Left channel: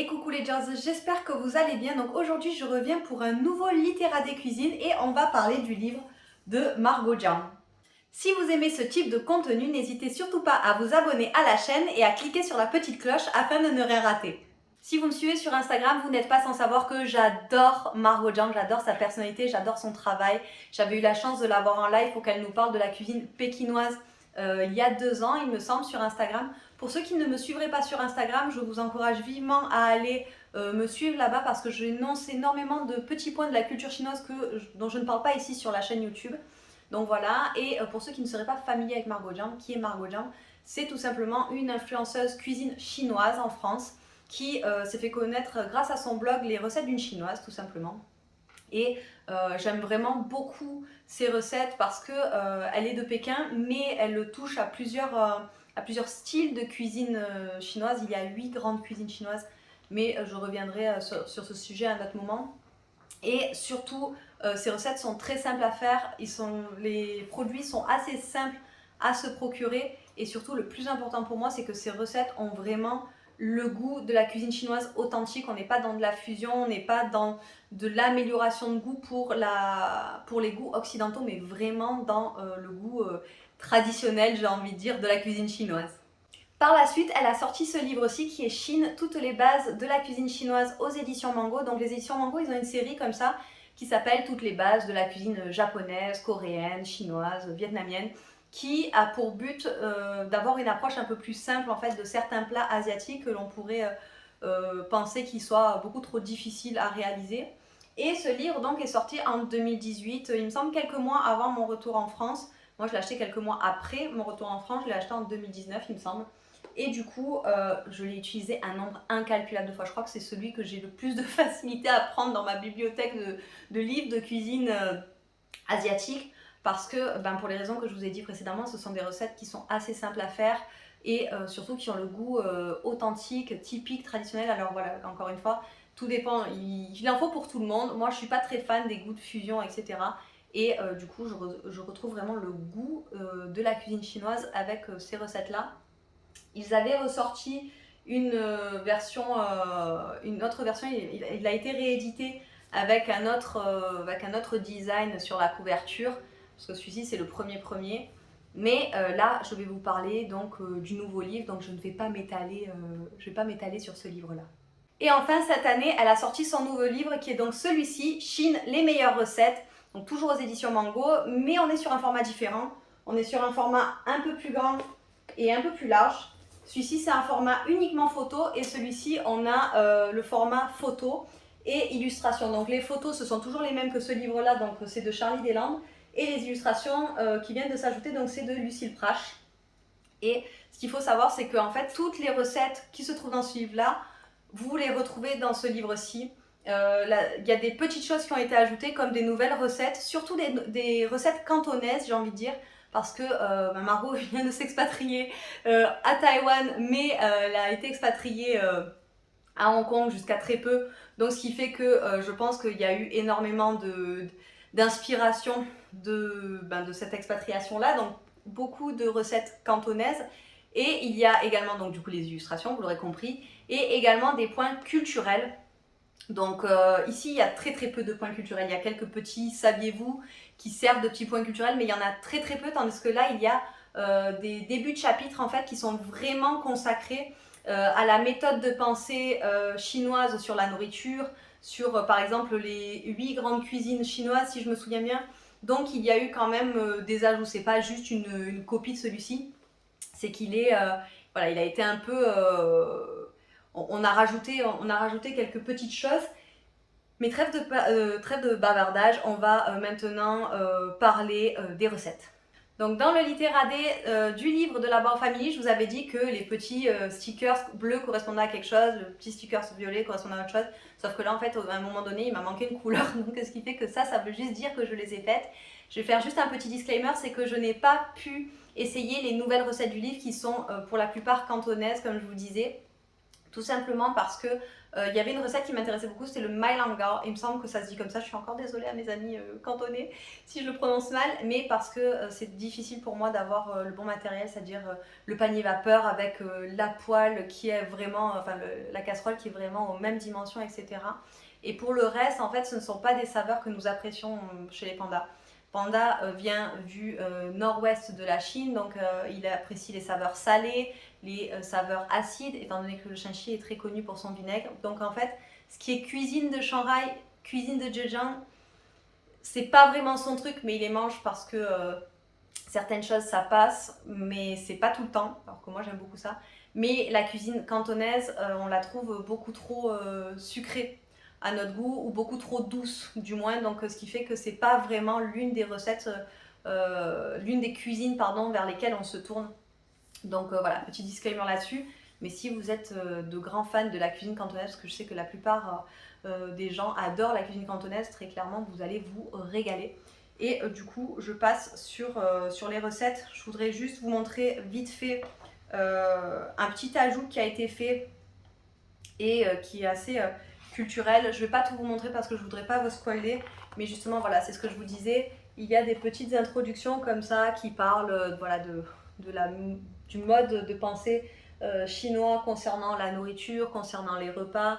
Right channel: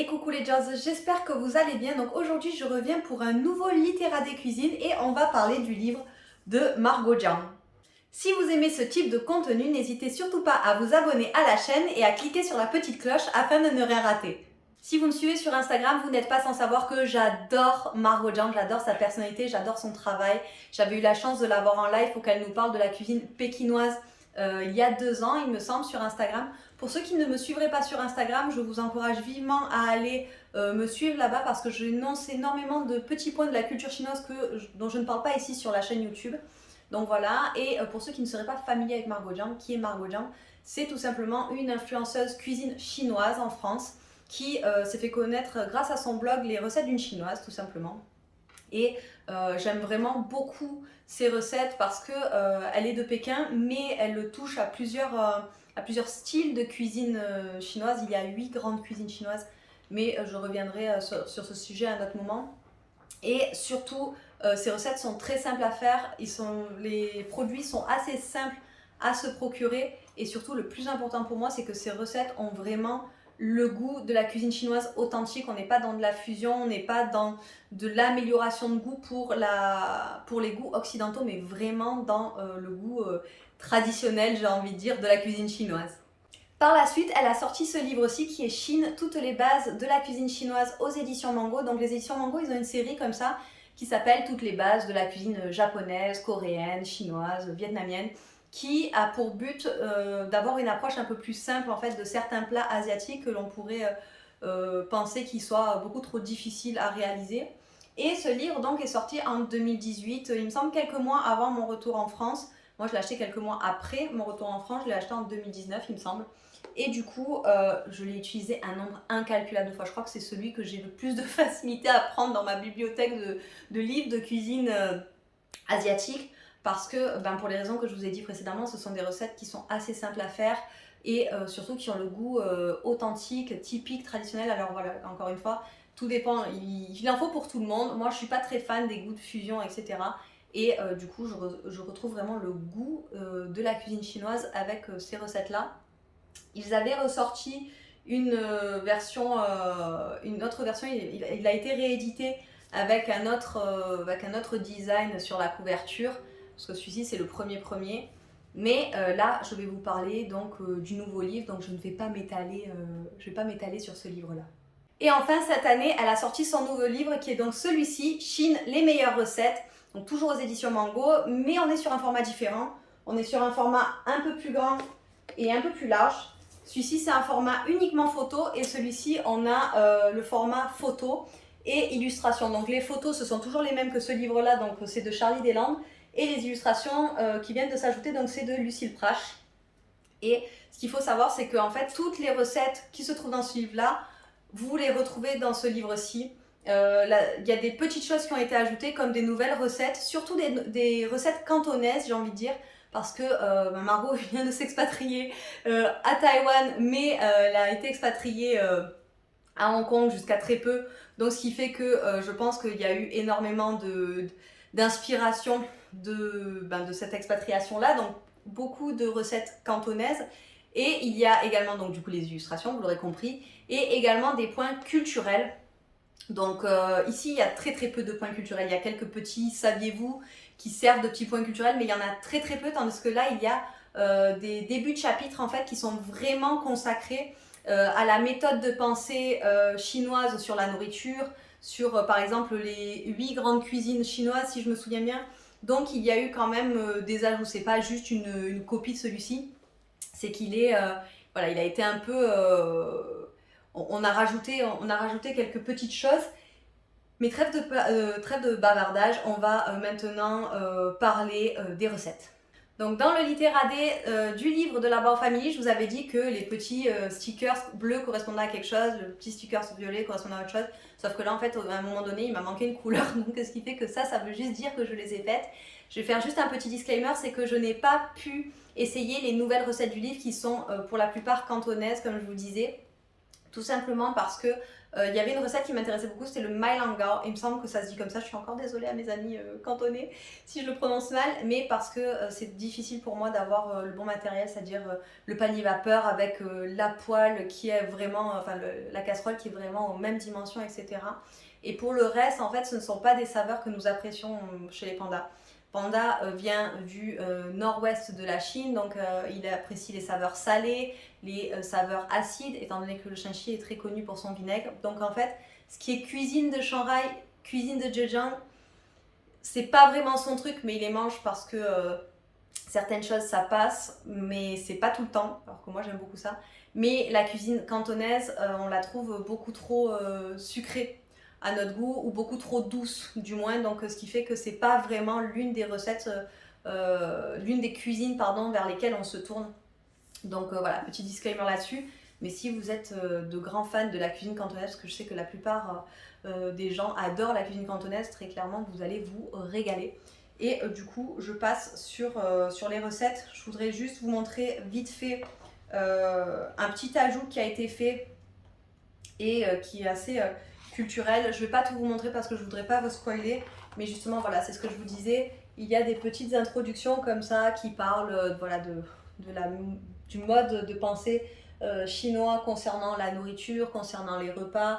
Et coucou les Jazz, j'espère que vous allez bien. Donc aujourd'hui, je reviens pour un nouveau Littéra des cuisines et on va parler du livre de Margot Jean. Si vous aimez ce type de contenu, n'hésitez surtout pas à vous abonner à la chaîne et à cliquer sur la petite cloche afin de ne rien rater. Si vous me suivez sur Instagram, vous n'êtes pas sans savoir que j'adore Margot Jean, j'adore sa personnalité, j'adore son travail. J'avais eu la chance de la voir en live pour qu'elle nous parle de la cuisine pékinoise il y a 2 ans, il me semble, sur Instagram. Pour ceux qui ne me suivraient pas sur Instagram, je vous encourage vivement à aller me suivre là-bas parce que j'énonce énormément de petits points de la culture chinoise dont je ne parle pas ici sur la chaîne YouTube. Donc voilà, et pour ceux qui ne seraient pas familiers avec Margot Jean, qui est Margot Jean? C'est tout simplement une influenceuse cuisine chinoise en France qui s'est fait connaître grâce à son blog Les recettes d'une chinoise, tout simplement. Et j'aime vraiment beaucoup ses recettes parce que elle est de Pékin, mais elle touche à plusieurs styles de cuisine chinoise. Il y a 8 grandes cuisines chinoises, mais je reviendrai sur ce sujet à un autre moment. Et surtout, ces recettes sont très simples à faire. Les produits sont assez simples à se procurer. Et surtout, le plus important pour moi, c'est que ces recettes ont vraiment le goût de la cuisine chinoise authentique. On n'est pas dans de la fusion, on n'est pas dans de l'amélioration de goût pour les goûts occidentaux, mais vraiment dans le goût traditionnel, j'ai envie de dire, de la cuisine chinoise. Par la suite, elle a sorti ce livre-ci qui est Chine, toutes les bases de la cuisine chinoise aux éditions Mango. Donc les éditions Mango, ils ont une série comme ça qui s'appelle Toutes les bases de la cuisine japonaise, coréenne, chinoise, vietnamienne, qui a pour but d'avoir une approche un peu plus simple en fait de certains plats asiatiques que l'on pourrait penser qu'ils soient beaucoup trop difficiles à réaliser. Et ce livre donc est sorti en 2018, il me semble quelques mois avant mon retour en France. Moi je l'ai acheté quelques mois après mon retour en France, je l'ai acheté en 2019 il me semble. Et du coup, je l'ai utilisé un nombre incalculable de fois. Je crois que c'est celui que j'ai le plus de facilité à prendre dans ma bibliothèque de livres de cuisine asiatique. Parce que, pour les raisons que je vous ai dit précédemment, ce sont des recettes qui sont assez simples à faire et surtout qui ont le goût authentique, typique, traditionnel. Alors voilà, encore une fois, tout dépend. Il en faut pour tout le monde. Moi, je ne suis pas très fan des goûts de fusion, etc. Et du coup, je retrouve vraiment le goût de la cuisine chinoise avec ces recettes-là. Ils avaient ressorti une autre version, il a été réédité avec un autre design sur la couverture, parce que celui-ci c'est le premier. Mais là, je vais vous parler donc du nouveau livre, donc je ne vais pas m'étaler sur ce livre-là. Et enfin, cette année, elle a sorti son nouveau livre qui est donc celui-ci, Chine, les meilleures recettes, donc toujours aux éditions Mango, mais on est sur un format différent. On est sur un format un peu plus grand et un peu plus large. Celui-ci, c'est un format uniquement photo et celui-ci, on a le format photo et illustration. Donc les photos, ce sont toujours les mêmes que ce livre-là, donc c'est de Charlie Deslandes. Et les illustrations qui viennent de s'ajouter, donc c'est de Lucille Prache. Et ce qu'il faut savoir, c'est qu'en fait, toutes les recettes qui se trouvent dans ce livre-là, vous les retrouvez dans ce livre-ci. Il y a des petites choses qui ont été ajoutées comme des nouvelles recettes, surtout des recettes cantonaises, j'ai envie de dire, parce que Margot vient de s'expatrier à Taïwan, mais elle a été expatriée à Hong Kong jusqu'à très peu. Donc ce qui fait que je pense qu'il y a eu énormément d'inspiration de cette expatriation-là. Donc beaucoup de recettes cantonaises. Et il y a également donc du coup les illustrations, vous l'aurez compris, et également des points culturels. Donc ici, il y a très peu de points culturels. Il y a quelques petits saviez-vous qui servent de petits points culturels, mais il y en a très peu, tandis que là, il y a des débuts de chapitres en fait qui sont vraiment consacrés à la méthode de pensée chinoise sur la nourriture, sur par exemple les 8 grandes cuisines chinoises, si je me souviens bien. Donc il y a eu quand même des ajouts. C'est pas juste une copie de celui-ci, c'est qu'il est, voilà, il a été un peu on a rajouté quelques petites choses. Mais trêve de bavardage, on va maintenant parler des recettes. Donc dans le littéradé du livre de la Bao Family, je vous avais dit que les petits stickers bleus correspondaient à quelque chose, le petit sticker violet correspondait à autre chose. Sauf que là, en fait, à un moment donné, il m'a manqué une couleur. Donc ce qui fait que ça veut juste dire que je les ai faites. Je vais faire juste un petit disclaimer, c'est que je n'ai pas pu essayer les nouvelles recettes du livre qui sont pour la plupart cantonaises, comme je vous disais. Tout simplement parce que il y avait une recette qui m'intéressait beaucoup, c'était le mailanga. Il me semble que ça se dit comme ça, je suis encore désolée à mes amis cantonais si je le prononce mal, mais parce que c'est difficile pour moi d'avoir le bon matériel, c'est-à-dire le panier vapeur avec la poêle qui est vraiment, enfin la casserole qui est vraiment aux mêmes dimensions, etc. Et pour le reste, en fait, ce ne sont pas des saveurs que nous apprécions chez les pandas. Panda vient du nord-ouest de la Chine, donc il apprécie les saveurs salées, les saveurs acides, étant donné que le Shanxi est très connu pour son vinaigre. Donc en fait, ce qui est cuisine de Shanghai, cuisine de Zhejiang, c'est pas vraiment son truc, mais il les mange parce que certaines choses ça passe, mais c'est pas tout le temps, alors que moi j'aime beaucoup ça. Mais la cuisine cantonaise, on la trouve beaucoup trop sucrée à notre goût, ou beaucoup trop douce du moins, donc ce qui fait que c'est pas vraiment l'une des recettes, l'une des cuisines pardon, vers lesquelles on se tourne. Donc voilà, petit disclaimer là-dessus. Mais si vous êtes de grands fans de la cuisine cantonaise, parce que je sais que la plupart des gens adorent la cuisine cantonaise, très clairement vous allez vous régaler. Et du coup, je passe sur les recettes. Je voudrais juste vous montrer vite fait un petit ajout qui a été fait et qui est assez culturel. Je ne vais pas tout vous montrer parce que je ne voudrais pas vous spoiler, mais justement, voilà, c'est ce que je vous disais. Il y a des petites introductions comme ça qui parlent voilà, du mode de pensée chinois concernant la nourriture, concernant les repas,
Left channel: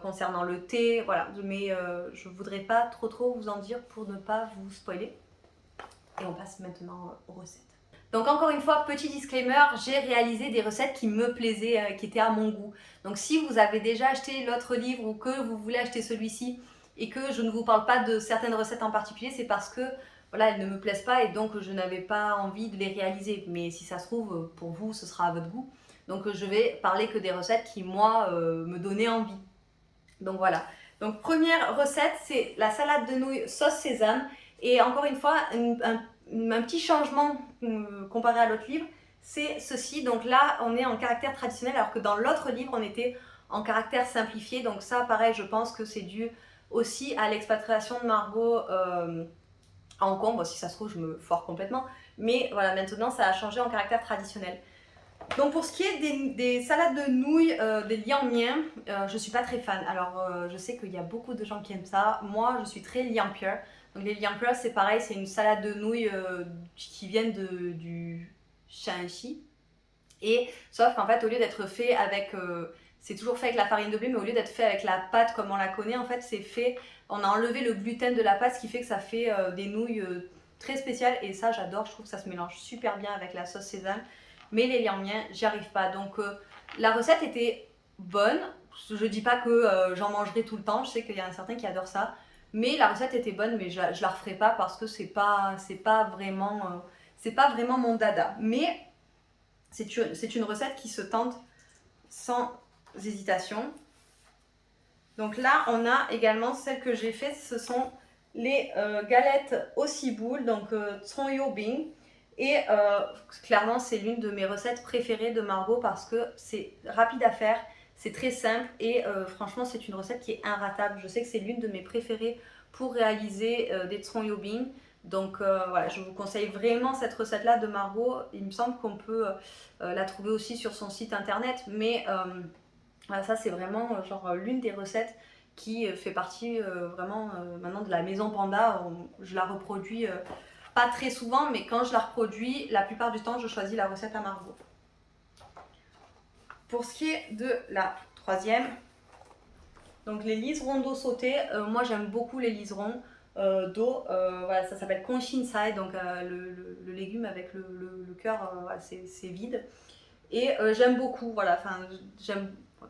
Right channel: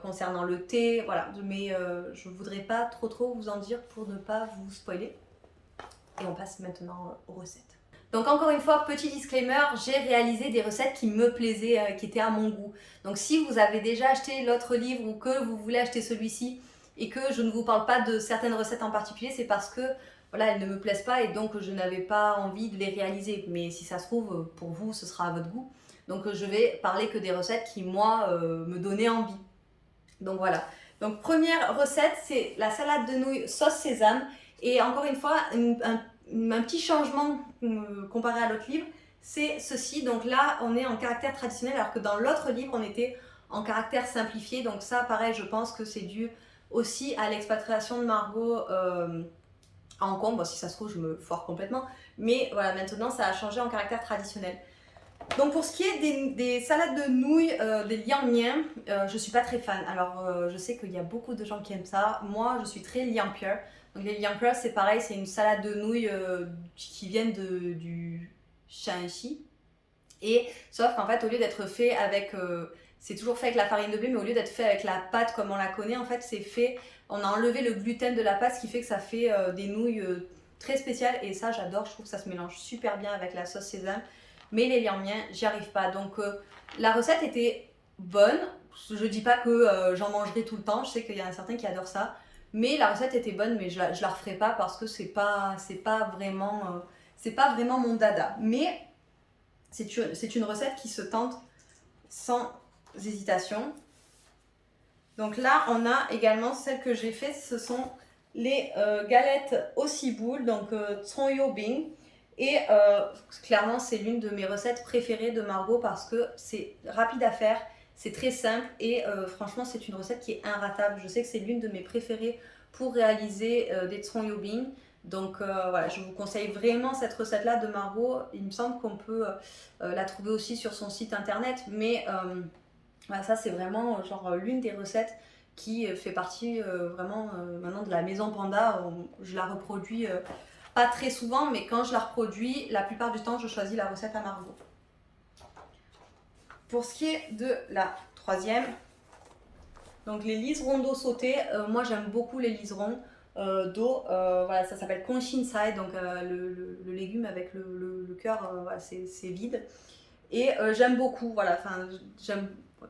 concernant le thé, voilà. Mais je ne voudrais pas trop vous en dire pour ne pas vous spoiler. Et on passe maintenant aux recettes. Donc encore une fois, petit disclaimer, j'ai réalisé des recettes qui me plaisaient, qui étaient à mon goût. Donc si vous avez déjà acheté l'autre livre ou que vous voulez acheter celui-ci et que je ne vous parle pas de certaines recettes en particulier, c'est parce que voilà, elles ne me plaisent pas et donc je n'avais pas envie de les réaliser. Mais si ça se trouve, pour vous, ce sera à votre goût. Donc je vais parler que des recettes qui, moi, me donnaient envie. Donc voilà. Donc première recette, c'est la salade de nouilles sauce sésame. Et encore une fois, un petit changement comparé à l'autre livre, c'est ceci. Donc là, on est en caractère traditionnel, alors que dans l'autre livre, on était en caractère simplifié. Donc ça, pareil, je pense que c'est dû aussi à l'expatriation de Margot à Hong Kong. Bon, si ça se trouve, je me foire complètement. Mais voilà, maintenant, ça a changé en caractère traditionnel. Donc pour ce qui est des salades de nouilles, des liang mian, je suis pas très fan. Alors je sais qu'il y a beaucoup de gens qui aiment ça. Moi, je suis très liang pure. Donc les liang pure, c'est pareil, c'est une salade de nouilles qui viennent du Shanxi. Et sauf qu'en fait, au lieu d'être fait avec, c'est toujours fait avec la farine de blé, mais au lieu d'être fait avec la pâte comme on la connaît, en fait, c'est fait, on a enlevé le gluten de la pâte, ce qui fait que ça fait des nouilles très spéciales. Et ça, j'adore. Je trouve que ça se mélange super bien avec la sauce sésame. Mais les liang mian, j'y arrive pas. Donc la recette était bonne. Je dis pas que j'en mangerai tout le temps. Je sais qu'il y en a certains qui adorent ça. Mais la recette était bonne, mais je la referai pas parce que c'est pas vraiment mon dada. Mais c'est une recette qui se tente sans hésitation. Donc là, on a également celle que j'ai faite. Ce sont les galettes au ciboule, donc Tsong Bing. Et clairement, c'est l'une de mes recettes préférées de Margot parce que c'est rapide à faire, c'est très simple et franchement, c'est une recette qui est inratable. Je sais que c'est l'une de mes préférées pour réaliser des Tsong Bing. Donc voilà, je vous conseille vraiment cette recette-là de Margot. Il me semble qu'on peut la trouver aussi sur son site internet, mais voilà, ça c'est vraiment genre l'une des recettes qui fait partie vraiment maintenant de la maison Panda. Je la reproduis pas très souvent, mais quand je la reproduis, la plupart du temps, je choisis la recette à Margot. Pour ce qui est de la troisième, donc les liserons d'eau sautés, moi j'aime beaucoup les liserons d'eau. Voilà, ça s'appelle Conshinsai, donc le légume avec le cœur, voilà, c'est vide. Et j'aime beaucoup, voilà,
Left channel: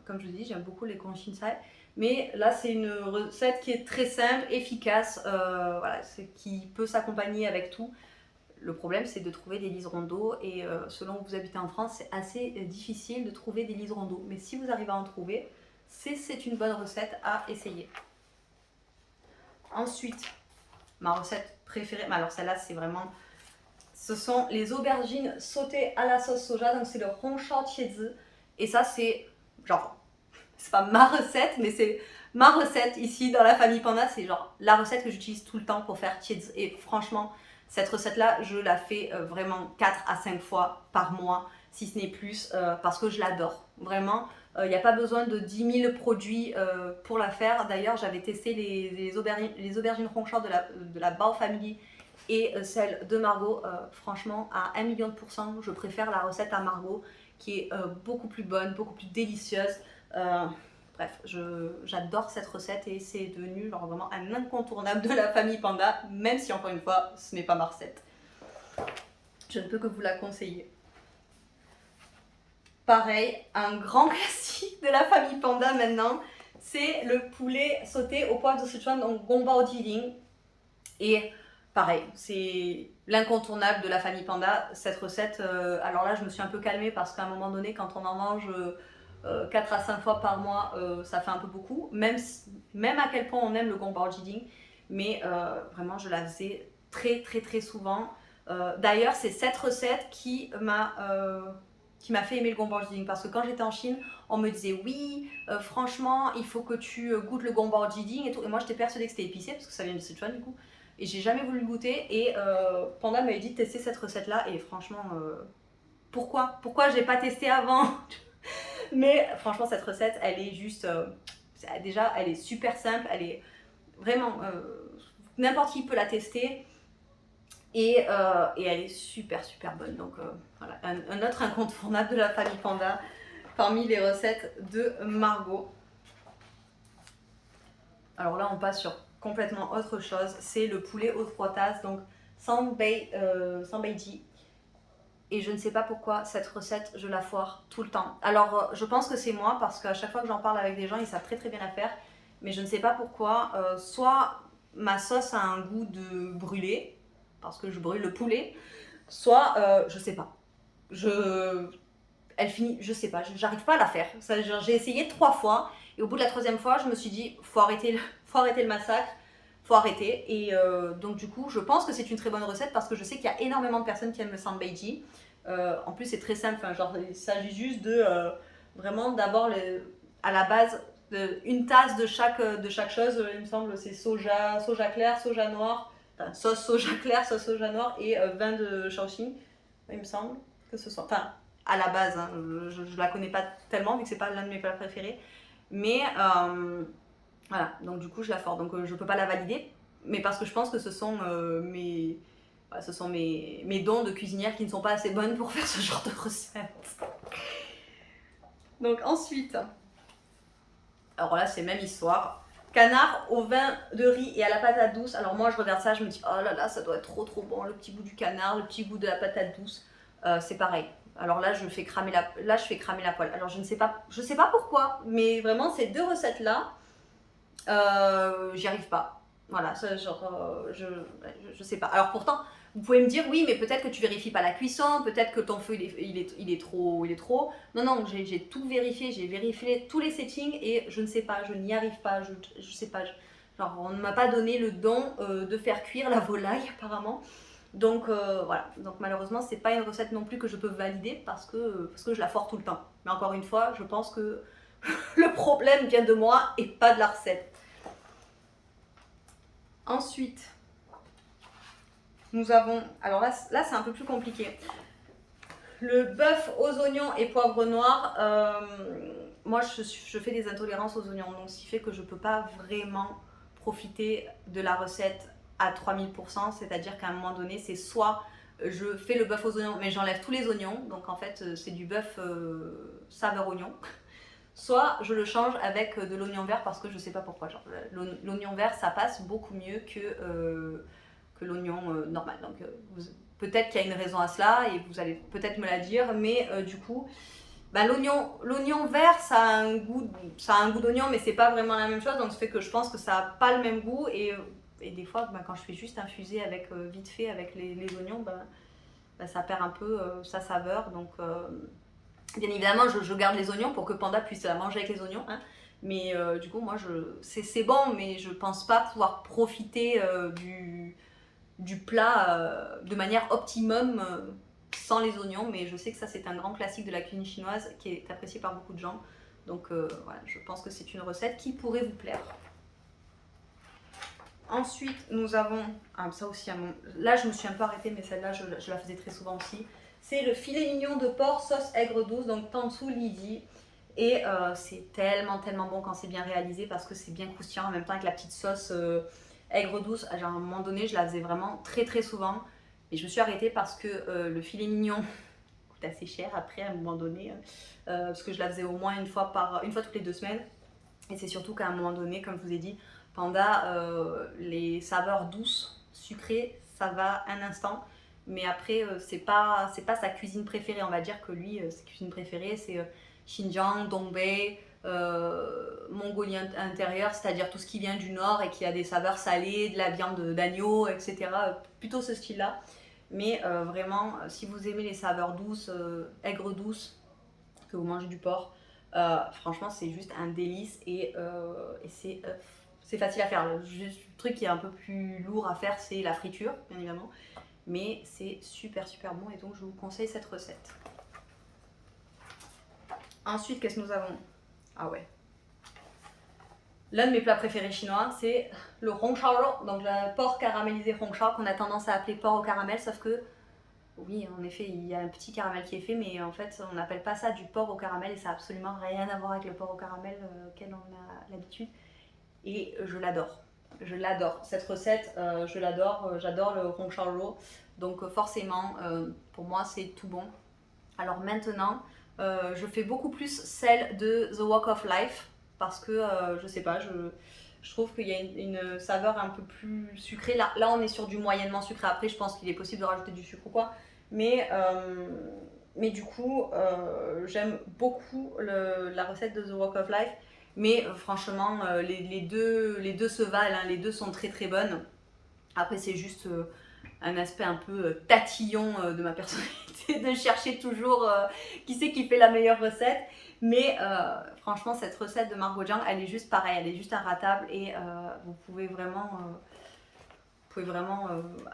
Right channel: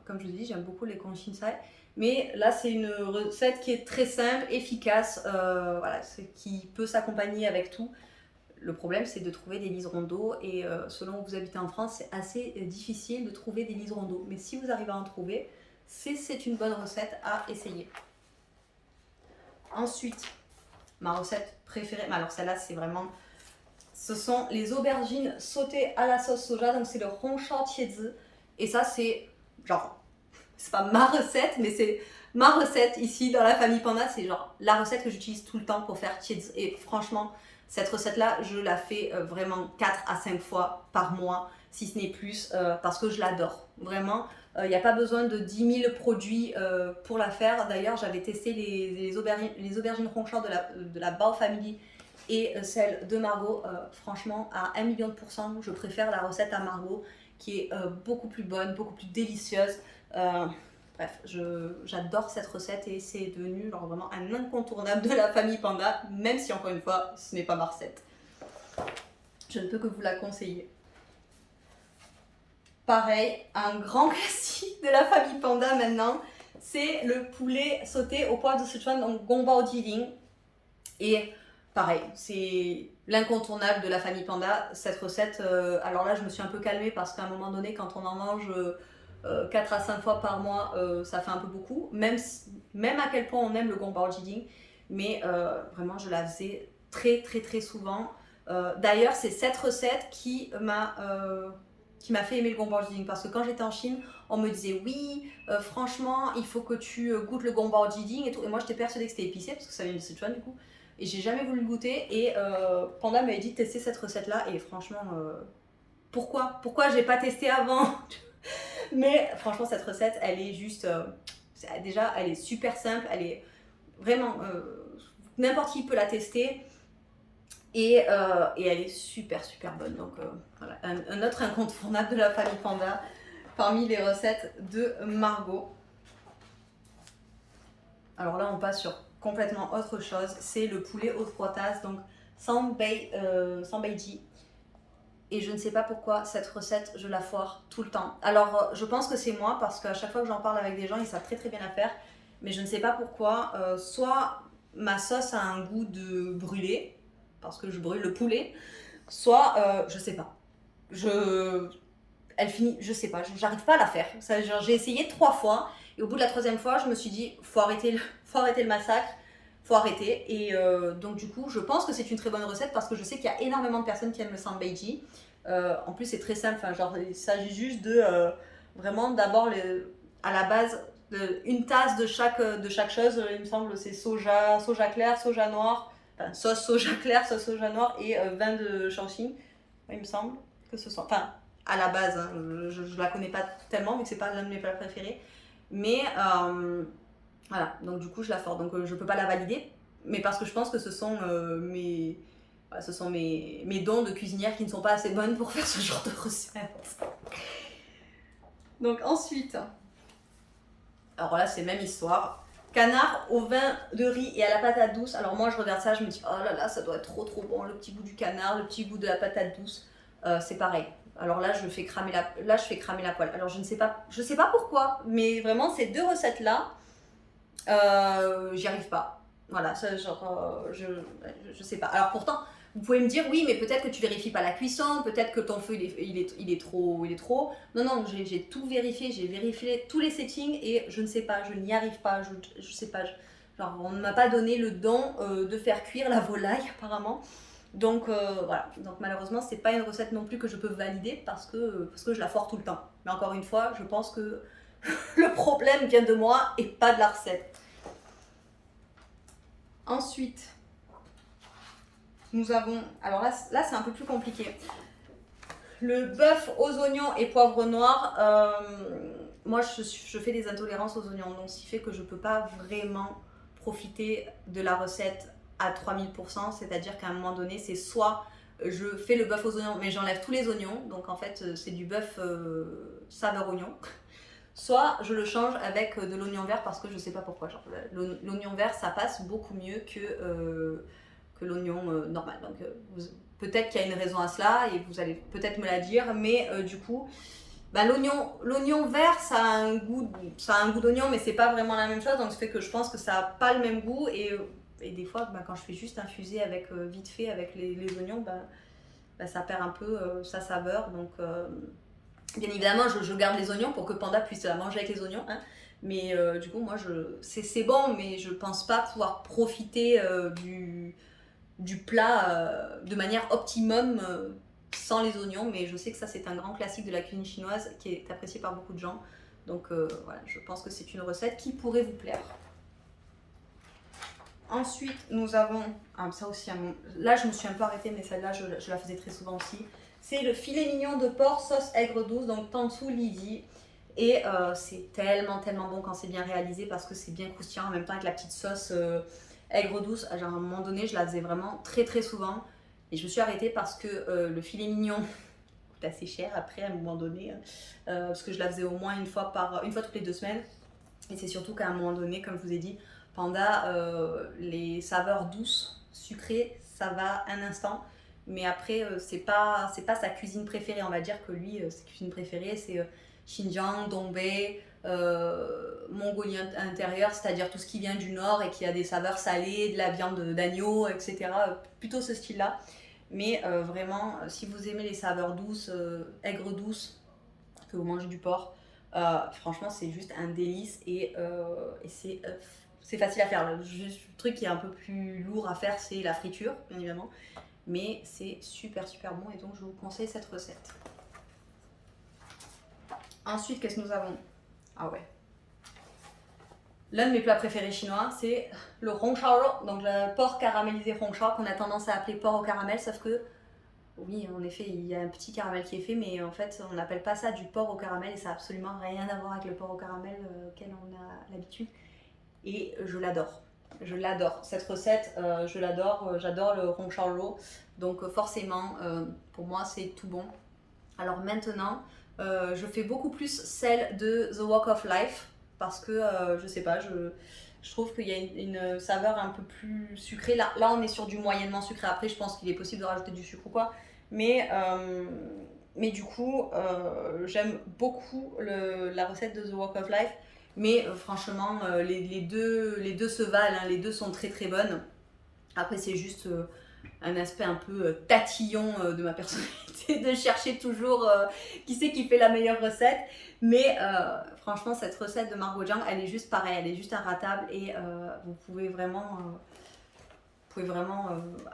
comme je vous dis, j'aime beaucoup les Conshinsai. Mais là, c'est une recette qui est très simple, efficace, voilà, qui peut s'accompagner avec tout. Le problème, c'est de trouver des liserons d'eau et selon que vous habitez en France, c'est assez difficile de trouver des liserons d'eau. Mais si vous arrivez à en trouver, c'est une bonne recette à essayer. Ensuite, ma recette préférée, alors celle-là, c'est vraiment... Ce sont les aubergines sautées à la sauce soja, donc c'est le Hongsha Qiezi. Et ça, c'est genre... C'est pas ma recette, mais c'est ma recette ici dans la famille Panda. C'est genre la recette que j'utilise tout le temps pour faire Qiezi. Et franchement, cette recette-là, je la fais vraiment 4 à 5 fois par mois. si ce n'est plus, parce que je l'adore. Vraiment, il n'y a pas besoin de 10 000 produits pour la faire. D'ailleurs, j'avais testé les aubergines ronchard de la Bao Family et celle de Margot. Franchement, à 1 million de pourcents, je préfère la recette à Margot, qui est beaucoup plus bonne, beaucoup plus délicieuse. Bref, j'adore cette recette et c'est devenu genre, vraiment un incontournable de la famille Panda, même si encore une fois, ce n'est pas ma recette. Je ne peux que vous la conseiller. Pareil, un grand classique de la famille Panda maintenant, c'est le poulet sauté au poivre de Sichuan, donc Gongbao Jilin. Et pareil, c'est l'incontournable de la famille Panda, cette recette. Alors là, je me suis un peu calmée parce qu'à un moment donné, quand on en mange 4 à 5 fois par mois, ça fait un peu beaucoup. Même à quel point on aime le Gongbao Jilin. Mais vraiment, je la faisais très souvent. D'ailleurs, c'est cette recette qui m'a fait aimer le Gongbao Jilin, parce que quand j'étais en Chine, on me disait oui, franchement, il faut que tu goûtes le Gongbao Jilin et tout. Et moi, j'étais persuadée que c'était épicé parce que ça vient de Sichuan du coup. Et j'ai jamais voulu le goûter. Et Panda m'avait dit de tester cette recette-là. Et franchement, pourquoi j'ai pas testé avant? Mais franchement, cette recette, elle est juste. Déjà, elle est super simple. Elle est vraiment. N'importe qui peut la tester. Et elle est super bonne. Donc voilà, un autre incontournable de la famille Panda parmi les recettes de Margot. Alors là, on passe sur complètement autre chose. C'est le poulet aux 3 tasses, donc sans beiji. Et je ne sais pas pourquoi cette recette, je la foire tout le temps. Alors je pense que c'est moi, parce qu'à chaque fois que j'en parle avec des gens, ils savent très bien la faire. Mais je ne sais pas pourquoi. Soit ma sauce a un goût de brûlé, parce que je brûle le poulet, soit je sais pas. Elle finit, je sais pas, j'arrive pas à la faire. J'ai essayé 3 fois et au bout de la 3e fois, je me suis dit faut arrêter le massacre, faut arrêter. Et donc du coup, je pense que c'est une très bonne recette parce que je sais qu'il y a énormément de personnes qui aiment le sambeiji. En plus, c'est très simple. Enfin, genre, il s'agit juste de vraiment d'avoir à la base une tasse de chaque chose. Il me semble c'est soja clair, soja noir. Enfin, sauce soja claire, sauce soja noir et vin de Shaoxing, il me semble que ce soit. Enfin, à la base, hein, je la connais pas tellement vu que c'est pas l'un de mes plats préférés. Mais voilà, donc du coup, je la sors. Donc je peux pas la valider, mais parce que je pense que ce sont mes dons de cuisinière qui ne sont pas assez bonnes pour faire ce genre de recette. Donc ensuite, alors là, c'est même histoire. Canard au vin de riz et à la patate douce. Alors moi, je regarde ça, je me dis, oh là là, ça doit être trop bon. Le petit goût du canard, le petit goût de la patate douce. C'est pareil. Alors là, je fais cramer la poêle. Alors je sais pas pourquoi, mais vraiment, ces 2 recettes-là, j'y arrive pas. Voilà, ça, genre, je sais pas. Alors pourtant, vous pouvez me dire, oui, mais peut-être que tu vérifies pas la cuisson, peut-être que ton feu, il est trop. Non, j'ai tout vérifié, j'ai vérifié tous les settings et je ne sais pas, je n'y arrive pas, je sais pas. Genre, on ne m'a pas donné le don de faire cuire la volaille, apparemment. Donc voilà, donc malheureusement, c'est pas une recette non plus que je peux valider parce que je la foire tout le temps. Mais encore une fois, je pense que le problème vient de moi et pas de la recette. Ensuite, nous avons, alors là c'est un peu plus compliqué. Le bœuf aux oignons et poivre noir. Moi, je fais des intolérances aux oignons, donc ce qui fait que je peux pas vraiment profiter de la recette à 3000%. C'est-à-dire qu'à un moment donné, c'est soit je fais le bœuf aux oignons, mais j'enlève tous les oignons, donc en fait, c'est du bœuf saveur oignon. Soit je le change avec de l'oignon vert parce que je sais pas pourquoi. L'oignon vert, ça passe beaucoup mieux que l'oignon normal. Donc peut-être qu'il y a une raison à cela et vous allez peut-être me la dire, mais du coup, l'oignon vert, ça a un goût d'oignon, mais c'est pas vraiment la même chose. Donc ça fait que je pense que ça a pas le même goût et des fois, quand je fais juste infuser avec vite fait avec les oignons, ça perd un peu sa saveur. Donc bien évidemment, je garde les oignons pour que Panda puisse la manger avec les oignons. Hein. Mais du coup, moi, c'est bon, mais je pense pas pouvoir profiter du plat de manière optimum sans les oignons. Mais je sais que ça, c'est un grand classique de la cuisine chinoise qui est apprécié par beaucoup de gens. Donc voilà, je pense que c'est une recette qui pourrait vous plaire. Ensuite, nous avons... ça aussi, là, je me suis un peu arrêtée, mais celle-là, je la faisais très souvent aussi. C'est le filet mignon de porc sauce aigre douce, donc Tansu Lidi. Et c'est tellement bon quand c'est bien réalisé parce que c'est bien croustillant en même temps avec la petite sauce aigre douce. Genre, à un moment donné, je la faisais vraiment très souvent. Et je me suis arrêtée parce que le filet mignon coûte assez cher après à un moment donné. Parce que je la faisais au moins une fois toutes les 2 semaines. Et c'est surtout qu'à un moment donné, comme je vous ai dit, Panda, les saveurs douces, sucrées, ça va un instant. Mais après, c'est pas sa cuisine préférée. On va dire que lui, sa cuisine préférée, c'est Xinjiang, Dongbei, Mongolie intérieure, c'est-à-dire tout ce qui vient du nord et qui a des saveurs salées, de la viande d'agneau, etc. Plutôt ce style-là. Mais vraiment, si vous aimez les saveurs douces, aigres douces, que vous mangez du porc, franchement, c'est juste un délice et c'est facile à faire. Juste, le truc qui est un peu plus lourd à faire, c'est la friture, bien évidemment. Mais c'est super bon et donc je vous conseille cette recette. Ensuite, qu'est-ce que nous avons? Ah ouais. L'un de mes plats préférés chinois, c'est le hongshao, donc le porc caramélisé hongshao qu'on a tendance à appeler porc au caramel, sauf que oui, en effet, il y a un petit caramel qui est fait, mais en fait, on n'appelle pas ça du porc au caramel et ça n'a absolument rien à voir avec le porc au caramel auquel on a l'habitude. Et je l'adore. Je l'adore. Cette recette, je l'adore. J'adore le hongshao. Donc forcément, pour moi, c'est tout bon. Alors maintenant, je fais beaucoup plus celle de The Walk of Life parce que, je sais pas, je trouve qu'il y a une saveur un peu plus sucrée. Là, on est sur du moyennement sucré. Après, je pense qu'il est possible de rajouter du sucre ou quoi. Mais du coup, j'aime beaucoup la recette de The Walk of Life. Mais franchement, les deux se valent, hein, les deux sont très bonnes. Après, c'est juste un aspect un peu tatillon de ma personnalité, de chercher toujours qui c'est qui fait la meilleure recette. Mais franchement, cette recette de Margot Jiang, elle est juste pareille, elle est juste inratable et vous pouvez vraiment,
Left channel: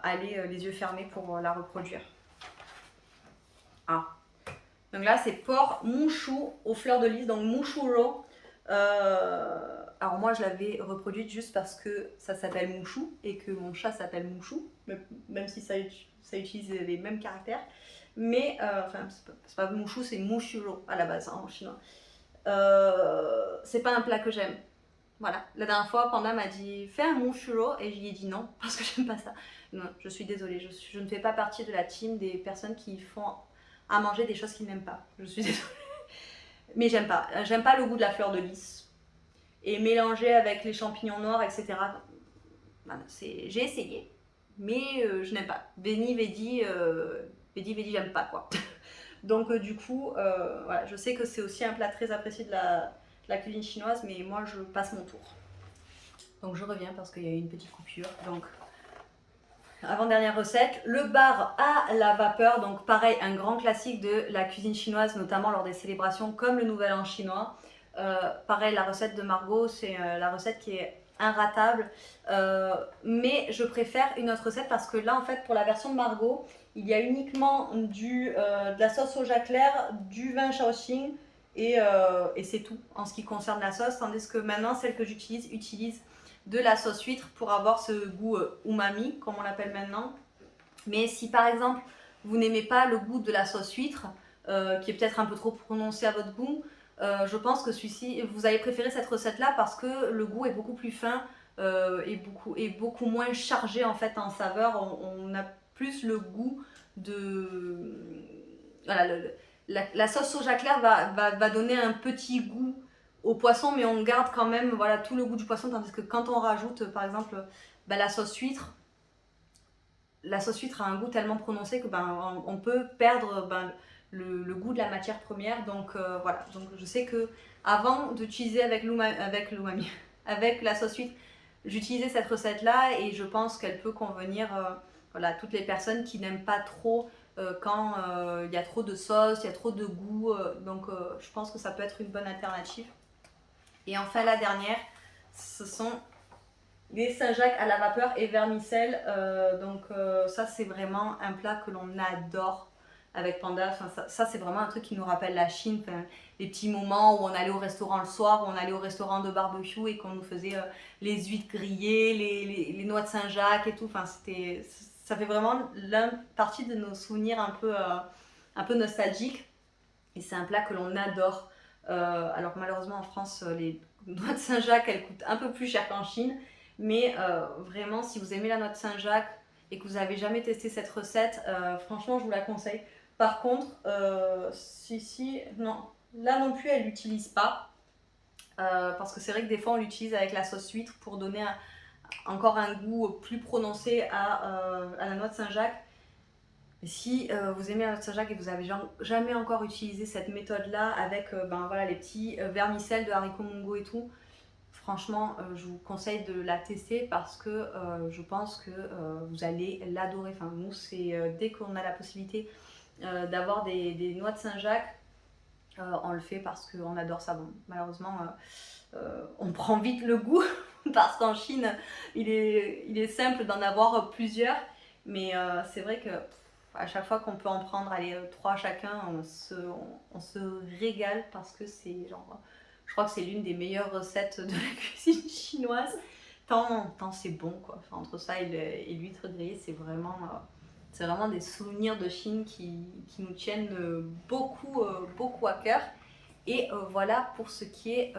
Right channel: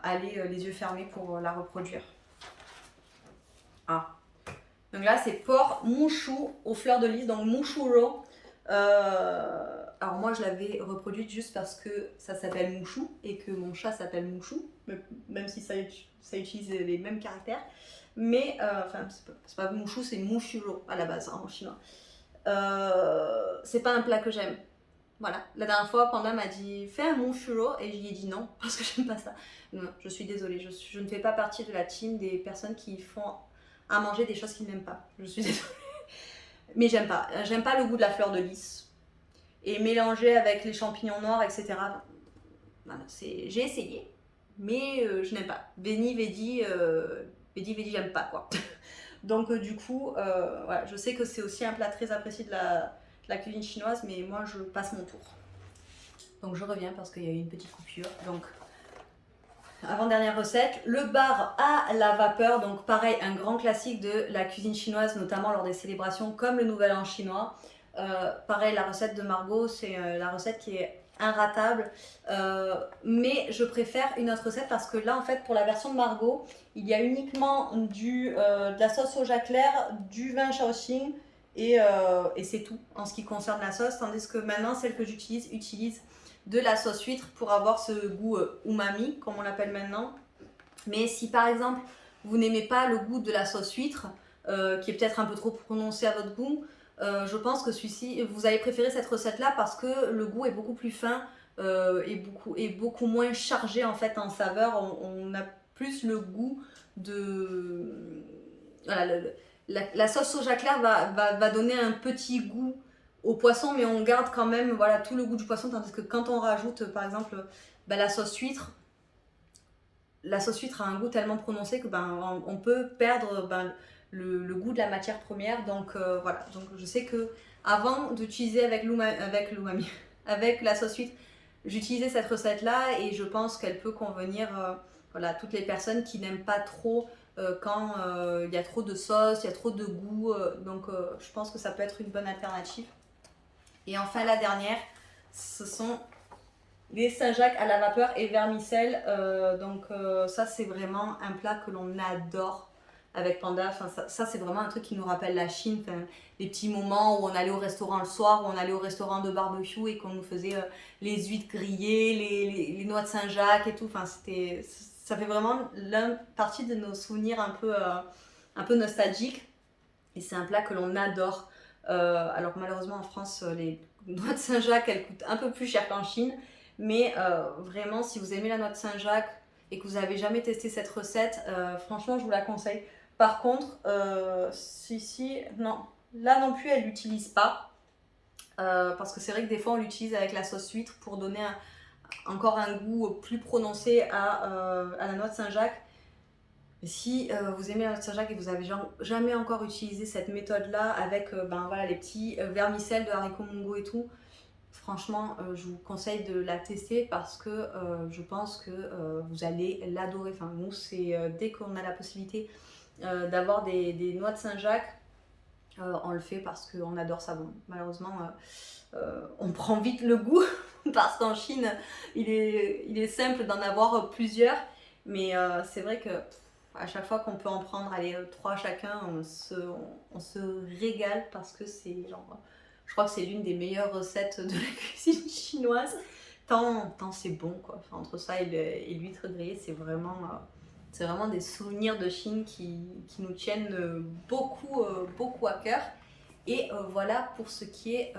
aller les yeux fermés pour la reproduire. Ah. Donc là, c'est porc mouchou aux fleurs de lys, donc mouchouro. Alors moi, je l'avais reproduite juste parce que ça s'appelle mouchou et que mon chat s'appelle mouchou, même si ça utilise les mêmes caractères. Mais, enfin, c'est pas mouchou, c'est mouchuro à la base, hein, en chinois. C'est pas un plat que j'aime. Voilà, la dernière fois, Panda m'a dit fais un mouchuro et je lui ai dit non parce que j'aime pas ça. Non, je suis désolée, je ne fais pas partie de la team des personnes qui font à manger des choses qu'ils n'aiment pas. Je suis désolée. Mais j'aime pas le goût de la fleur de lys. Et mélanger avec les champignons noirs, etc. Voilà, j'ai essayé, mais je n'aime pas. Veni, vedi, j'aime pas quoi. Donc du coup, voilà, je sais que c'est aussi un plat très apprécié de la cuisine chinoise, mais moi je passe mon tour. Donc je reviens parce qu'il y a eu une petite coupure. Donc avant-dernière recette, le bar à la vapeur. Donc pareil, un grand classique de la cuisine chinoise, notamment lors des célébrations comme le Nouvel An chinois. Pareil, la recette de Margot, c'est la recette qui est inratable. Mais je préfère une autre recette parce que là, en fait, pour la version de Margot, il y a uniquement de la sauce soja claire, du vin Shaoxing et c'est tout en ce qui concerne la sauce. Tandis que maintenant, celle que j'utilise utilise de la sauce huître pour avoir ce goût umami, comme on l'appelle maintenant. Mais si par exemple, vous n'aimez pas le goût de la sauce huître, qui est peut-être un peu trop prononcé à votre goût, je pense que celui-ci, vous allez préférer cette recette-là parce que le goût est beaucoup plus fin et beaucoup moins chargé en fait en saveur. On a plus le goût de... Voilà, la sauce soja claire va donner un petit goût au poisson, mais on garde quand même voilà, tout le goût du poisson, tandis que quand on rajoute par exemple la sauce huître a un goût tellement prononcé que on peut perdre le goût de la matière première. Donc voilà, donc je sais que avant d'utiliser avec l'umami, avec la sauce huître, j'utilisais cette recette là et je pense qu'elle peut convenir voilà, à toutes les personnes qui n'aiment pas trop quand il y a trop de sauce, il y a trop de goût, donc je pense que ça peut être une bonne alternative. Et enfin la dernière, ce sont les Saint-Jacques à la vapeur et vermicelle. Donc ça c'est vraiment un plat que l'on adore avec Panda. Enfin, ça c'est vraiment un truc qui nous rappelle la Chine. Enfin, les petits moments où on allait au restaurant le soir, où on allait au restaurant de barbecue et qu'on nous faisait les huîtres grillées, les noix de Saint-Jacques et tout. Enfin, ça fait vraiment partie de nos souvenirs un peu un peu nostalgique. Et c'est un plat que l'on adore. Alors malheureusement en France, les noix de Saint-Jacques, elles coûtent un peu plus cher qu'en Chine. Mais vraiment, si vous aimez la noix de Saint-Jacques et que vous n'avez jamais testé cette recette, franchement, je vous la conseille. Par contre, non, là non plus, elle l'utilise pas. Parce que c'est vrai que des fois, on l'utilise avec la sauce huître pour donner encore un goût plus prononcé à la noix de Saint-Jacques. Si vous aimez la noix de Saint-Jacques et que vous n'avez jamais encore utilisé cette méthode-là avec voilà, les petits vermicelles de haricots mongo et tout, franchement, je vous conseille de la tester parce que je pense que vous allez l'adorer. Enfin, nous, c'est dès qu'on a la possibilité d'avoir des noix de Saint-Jacques, on le fait parce qu'on adore ça. Bon, malheureusement, on prend vite le goût parce qu'en Chine, il est simple d'en avoir plusieurs. Mais c'est vrai que à chaque fois qu'on peut en prendre, allez, 3 chacun, on se régale parce que c'est genre, je crois que c'est l'une des meilleures recettes de la cuisine chinoise. Tant c'est bon quoi. Enfin, entre ça et l'huître grillée, c'est vraiment des souvenirs de Chine qui nous tiennent beaucoup à cœur. Et voilà pour ce qui est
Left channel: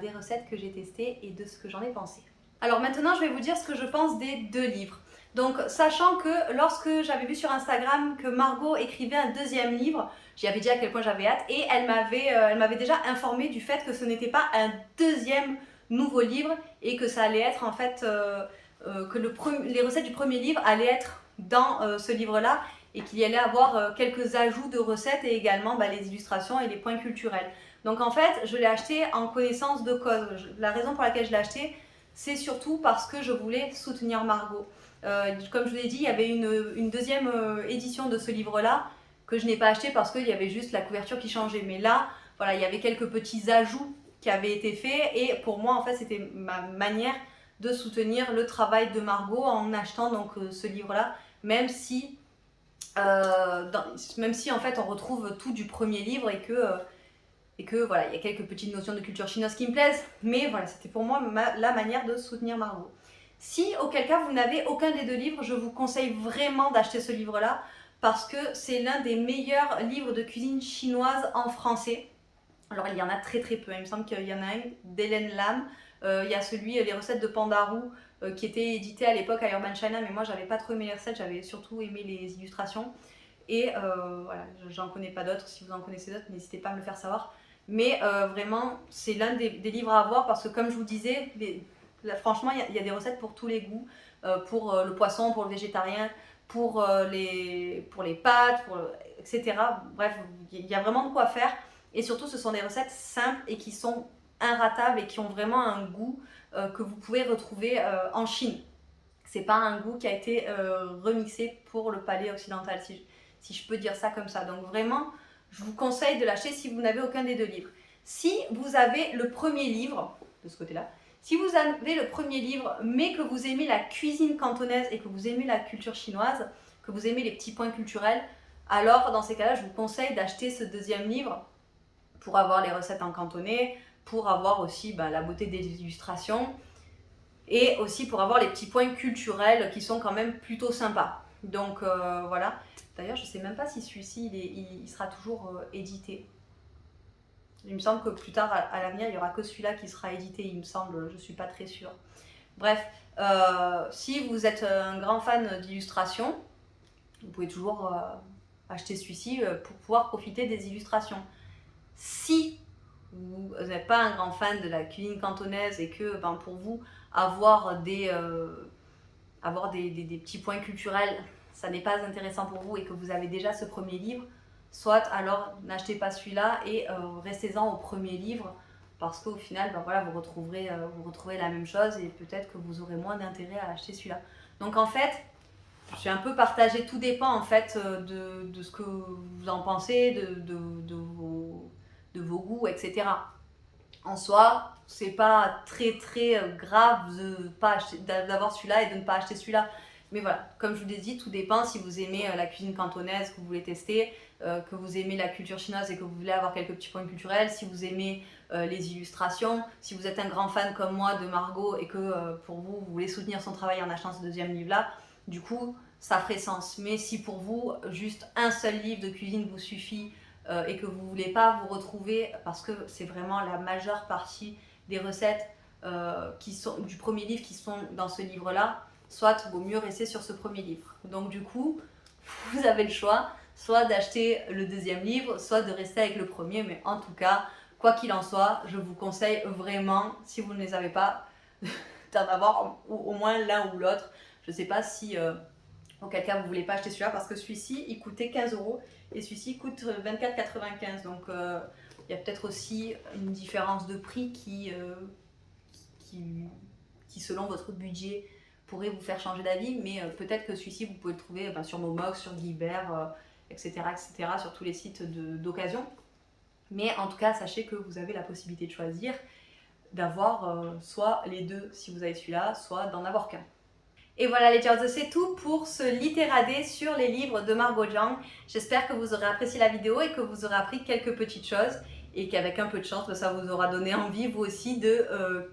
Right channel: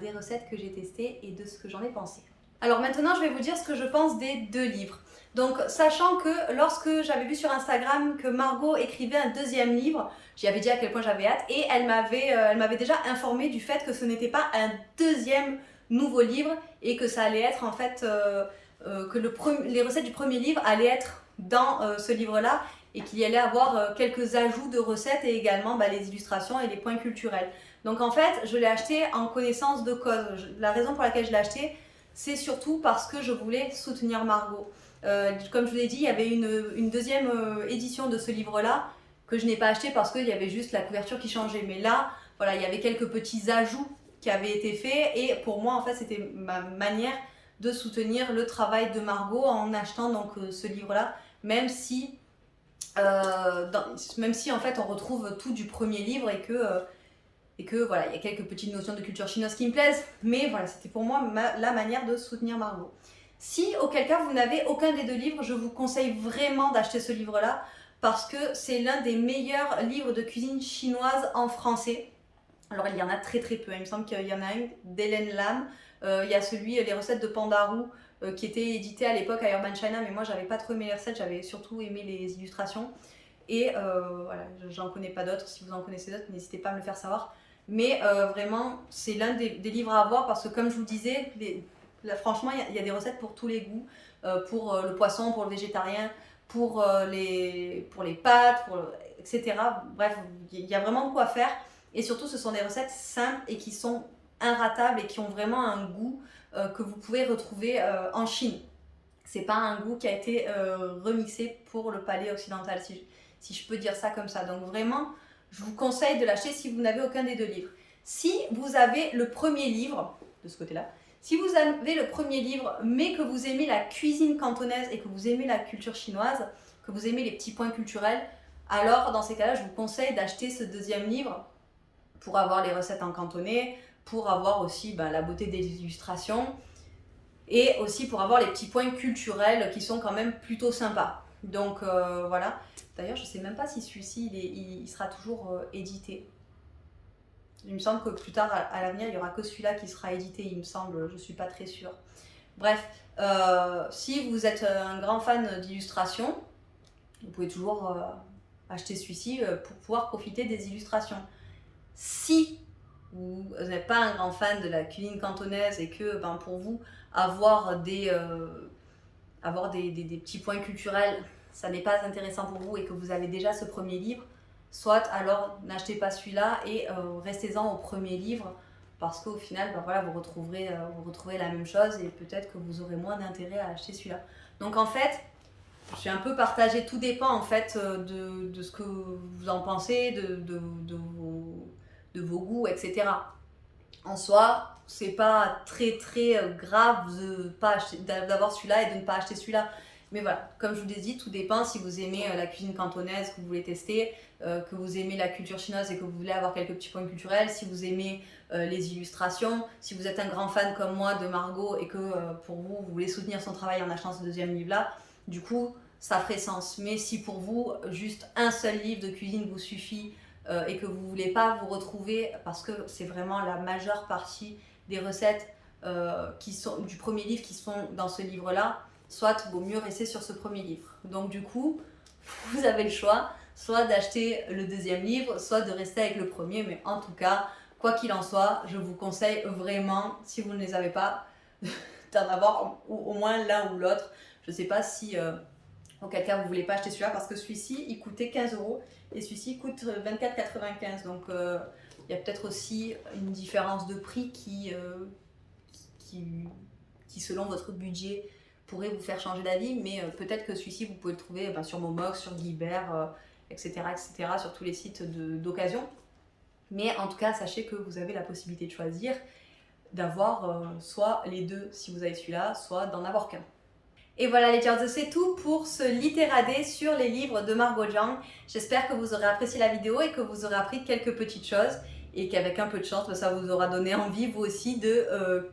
des recettes que j'ai testées et de ce que j'en ai pensé. Alors maintenant, je vais vous dire ce que je pense des 2 livres. Donc, sachant que lorsque j'avais vu sur Instagram que Margot écrivait un 2e livre, j'y avais dit à quel point j'avais hâte et elle m'avait déjà informé du fait que ce n'était pas un 2e nouveau livre et que ça allait être en fait que les recettes du 1er livre allaient être dans ce livre-là et qu'il y allait avoir quelques ajouts de recettes et également les illustrations et les points culturels. Donc en fait, je l'ai acheté en connaissance de cause. La raison pour laquelle je l'ai acheté, c'est surtout parce que je voulais soutenir Margot. Comme je vous l'ai dit, il y avait une 2e édition de ce livre-là que je n'ai pas acheté parce qu'il y avait juste la couverture qui changeait. Mais là, voilà, il y avait quelques petits ajouts qui avaient été faits et pour moi, en fait, c'était ma manière de soutenir le travail de Margot en achetant donc ce livre-là, même si en fait on retrouve tout du 1er livre et que voilà, il y a quelques petites notions de culture chinoise qui me plaisent, mais voilà, c'était pour moi la manière de soutenir Margot. Si, auquel cas, vous n'avez aucun des 2 livres, je vous conseille vraiment d'acheter ce livre-là parce que c'est l'un des meilleurs livres de cuisine chinoise en français. Alors, il y en a très peu, il me semble qu'il y en a un d'Hélène Lam, il y a celui Les recettes de Pandarou qui était édité à l'époque à Urban China, mais moi, j'avais pas trop aimé les recettes, j'avais surtout aimé les illustrations. Et voilà, j'en connais pas d'autres, si vous en connaissez d'autres, n'hésitez pas à me le faire savoir. Mais vraiment, c'est l'un des livres à avoir parce que comme je vous disais, franchement, il y a des recettes pour tous les goûts, pour le poisson, pour le végétarien, pour les pâtes, etc. Bref, il y a vraiment de quoi faire. Et surtout, ce sont des recettes simples et qui sont inratables et qui ont vraiment un goût que vous pouvez retrouver en Chine. C'est pas un goût qui a été remixé pour le palais occidental, si je peux dire ça comme ça. Donc vraiment, je vous conseille de l'acheter si vous n'avez aucun des 2 livres. Si vous avez le 1er livre, de ce côté-là, si vous avez le 1er livre, mais que vous aimez la cuisine cantonaise et que vous aimez la culture chinoise, que vous aimez les petits points culturels, alors dans ces cas-là, je vous conseille d'acheter ce 2e livre pour avoir les recettes en cantonais, pour avoir aussi la beauté des illustrations et aussi pour avoir les petits points culturels qui sont quand même plutôt sympas. Donc voilà. D'ailleurs, je ne sais même pas si celui-ci il sera toujours édité. Il me semble que plus tard, à l'avenir, il n'y aura que celui-là qui sera édité, il me semble, je ne suis pas très sûre. Bref, si vous êtes un grand fan d'illustration, vous pouvez toujours acheter celui-ci pour pouvoir profiter des illustrations. Si vous n'êtes pas un grand fan de la cuisine cantonaise et que pour vous, avoir des petits points culturels, ça n'est pas intéressant pour vous et que vous avez déjà ce 1er livre, soit alors n'achetez pas celui-là et restez-en au 1er livre parce qu'au final, voilà, vous retrouverez la même chose et peut-être que vous aurez moins d'intérêt à acheter celui-là. Donc en fait, je suis un peu partagée, tout dépend en fait de ce que vous en pensez, de vos goûts, etc. En soi, c'est pas très grave d'avoir celui-là et de ne pas acheter celui-là. Mais voilà, comme je vous l'ai dit, tout dépend si vous aimez la cuisine cantonaise que vous voulez tester, que vous aimez la culture chinoise et que vous voulez avoir quelques petits points culturels, si vous aimez les illustrations, si vous êtes un grand fan comme moi de Margot et que pour vous, vous voulez soutenir son travail en achetant ce 2e livre-là. Du coup, ça ferait sens. Mais si pour vous, juste un seul livre de cuisine vous suffit et que vous ne voulez pas vous retrouver, parce que c'est vraiment la majeure partie des recettes qui sont du premier livre qui sont dans ce livre-là, soit vaut mieux rester sur ce premier livre. Donc du coup, vous avez le choix, soit d'acheter le deuxième livre, soit de rester avec le premier, mais en tout cas, quoi qu'il en soit, je vous conseille vraiment, si vous ne les avez pas, d'en avoir au moins l'un ou l'autre. Je ne sais pas si auquel cas vous ne voulez pas acheter celui-là, parce que celui-ci, il coûtait 15 € et celui-ci coûte 24,95 €. Donc il y a peut-être aussi une différence de prix qui, selon votre budget, pourrait vous faire changer d'avis, mais peut-être que celui-ci, vous pouvez le trouver sur Momox, sur Guibert, etc., sur tous les sites d'occasion. Mais en tout cas, sachez que vous avez la possibilité de choisir, d'avoir soit les deux si vous avez celui-là, soit d'en avoir qu'un. Et voilà les Jards, c'est tout pour ce littéradé sur les livres de Margot Jiang. J'espère que vous aurez apprécié la vidéo et que vous aurez appris quelques petites choses et qu'avec un peu de chance, ça vous aura donné envie vous aussi de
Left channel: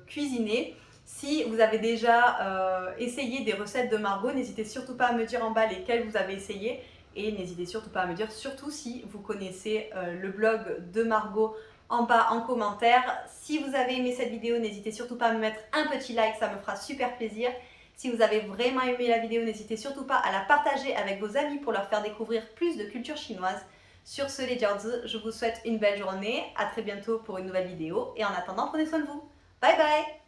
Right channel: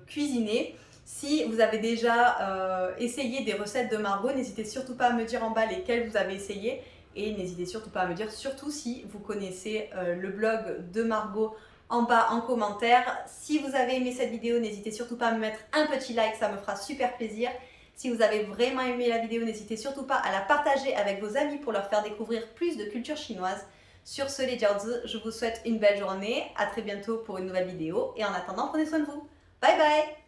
cuisiner. Si vous avez déjà essayé des recettes de Margot, n'hésitez surtout pas à me dire en bas lesquelles vous avez essayé et n'hésitez surtout pas à me dire surtout si vous connaissez le blog de Margot en bas en commentaire. Si vous avez aimé cette vidéo, n'hésitez surtout pas à me mettre un petit like, ça me fera super plaisir. Si vous avez vraiment aimé la vidéo, n'hésitez surtout pas à la partager avec vos amis pour leur faire découvrir plus de culture chinoise. Sur ce les Jards, je vous souhaite une belle journée, à très bientôt pour une nouvelle vidéo et en attendant prenez soin de vous. Bye bye!